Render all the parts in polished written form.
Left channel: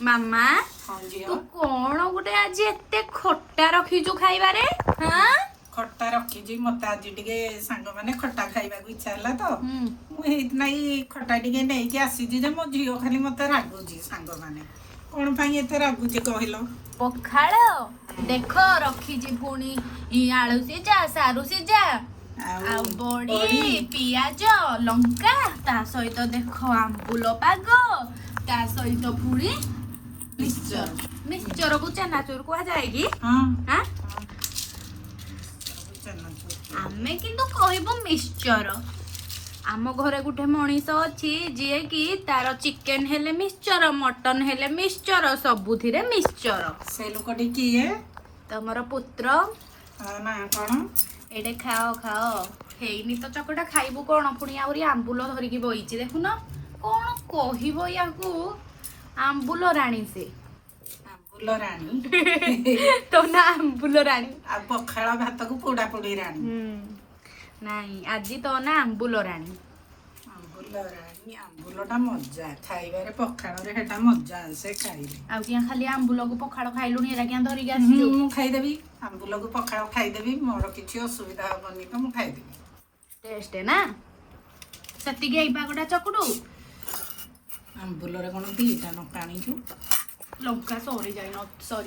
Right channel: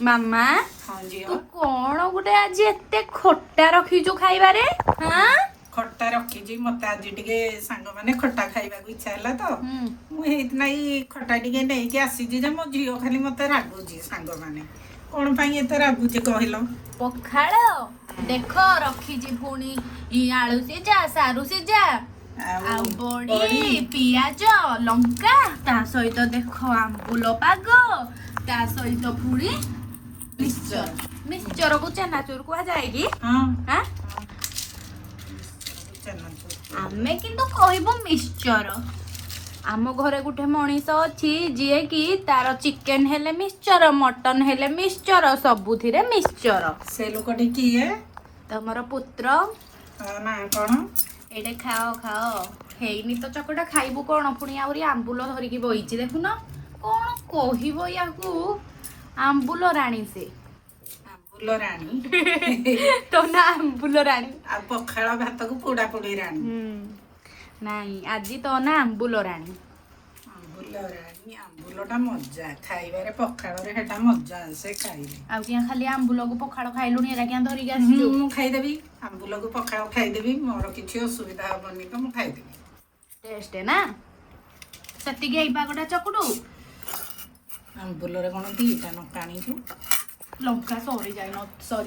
ମାମା ହଁ ଝିଅ ତୁ କଣ ଗୋଟେ ଆଜି ଏତେ ଖଟା ରଖିଛୁ ଖାଇବାରେ? ହାଁ ଖଟା ରଖିଛି ମତେ ଆଜି ଟିକେ ସାଙ୍ଗମାନେ ଖଟା ଖାଇବାକୁ ଇଚ୍ଛା ହେଲା ତ ହୁଁ। ମୁଁ ହେଇଥିନାଗି ଖଟା ଟିକେ ନେଇକି ଆସିଛି ଯେ ମୋ ଝିଅ ଖାଲି ମତେ ରାଗୁଛି ସାଙ୍ଗମାନେ କଣ ପାଇଁ ଏତେ ରାଗୁଛି କହିଲ? ପଖାଳ ଦେଖ ରଖିଛି ପୁଣି ଆଳୁ ସିଝା ସାରୁ ସିଝା ଆଉ ବଡି ପିଆଜ ଲଙ୍କା ତା ସହିତ ଦେଖ ଆମ୍ବୁଲ ପାଗ ତା ସହିତ ପୁଣି ମିକ୍ସଚର ମିକ୍ସଚରକୁ ଚେନାଚୁର କୁହାଯାଏ କି? ହଁ ଆଁ? ଆମେ କିନ୍ତୁ କହିବୁ ମିକ୍ସଚର। ଆମ ଘରେ ଗୋଟେ ମଣିଷ ଅଛି ଯିଏ କି ତାର ଚିକେନ ହେଲେ ମିକ୍ସଚର ମଟନ ହେଲେ ମିକ୍ସଚର ସବୁଥିରେ ମିକ୍ସଚର। ସେ ଲୋକଟି କିଏ? ତମର ପୁତ୍ର। ତା ନାଁ କଣ? ଏଇଟେ ଖାଅ ଖାଅ ହେଇନି ତ ଚକଟା ଖାଇବୁ କଣ ପୁଣି ଆହୁରି ଆମ୍ବୁଲ ଧରିକି ବଇଛି ଦେଖୁନ କଣ କହିବ ୟାକୁ ଆମ୍ବୁଲ ରାଣୀ ସେ। ଆମ୍ବୁଲ ରାଣୀ ତମ ନା ଆମ୍ବୁଲ ରାଣୀ। ଆଉ ପଖାଳ ଭାତକୁ ପୋଡା ପୋଡି ରାଣୀ। ନାଇଁ ଆଜି ତ ନା ଆମ୍ବୁଲ ରାଣୀ। ଆମ୍ବୁଲ ରାଣୀ ଆମ୍ବୁଲଟା ମଜା ଖାଇବାରେ ପଖାଳରେ ସେଟା ମଜା ଆସେ ଖାଇଲେ। ଆଉ କିଆଁ ଖାଲି ଆମ୍ବୁଲକୁ ପଖାଳ ଖାଇଲୁଣି ଏରା କିଆଁ ଧରିକି ଆସିଛୁ? ମୁଁ ଖାଇଦେବି ଆମ୍ବୁଲକୁ ପଖାଳ ଖାଇଦେବି ମୋର କିଛି ଅସୁବିଧା ହବନି ତ ମୁଁ ଖାଇଦେବି। ଟେଷ୍ଟ ନା ସେତିକି ଏଇ ପାଗଟା ଚକୁଟୁ। ଆମ୍ବୁଲରେ କଣ ଦିଟା ଲଙ୍କା ଆଣିଛୁ? ଲଙ୍କା ସରିଯାଇ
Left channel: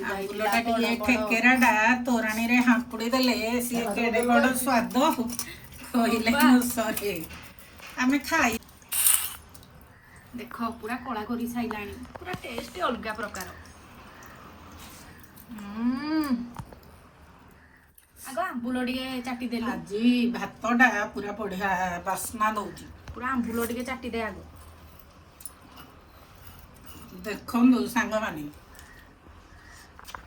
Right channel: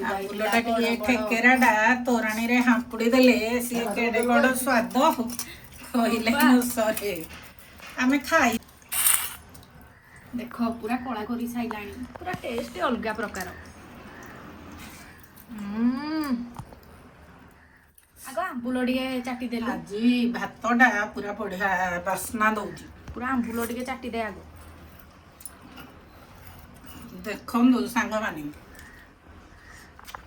ଆମ୍ବୁଲଟା ଟିକେ ଠେକେରାଟା ତୋରାଣୀରେ ହାମ୍ପୁଡି ଦେଲେ ସିଏ କେଡେ ବଡ ସ୍ୱାଦ କହିଲେ ନ ସରେ। ଆମେ ଖାଇ ଦେଖ ପୁରା କଳା କରି ସାଇଲାଣି ପୁରା ଟେଷ୍ଟ ଅଲଗା ପ୍ରକାର। ଆଗ ଆମ୍ବୁଲ ଟିକେ ଚାଟି ଦେଲୁ। ଆଜି ଭାତଟା ପୁରା ବଢିଆ ବାସ୍ନା ଦଉଛି। ପୁରା ଆମ୍ବୁଲ ଟିକେ ଚାଟି ଦେ ଆଗ। ଦେଖନ୍ତୁ ସାଙ୍ଗମାନେ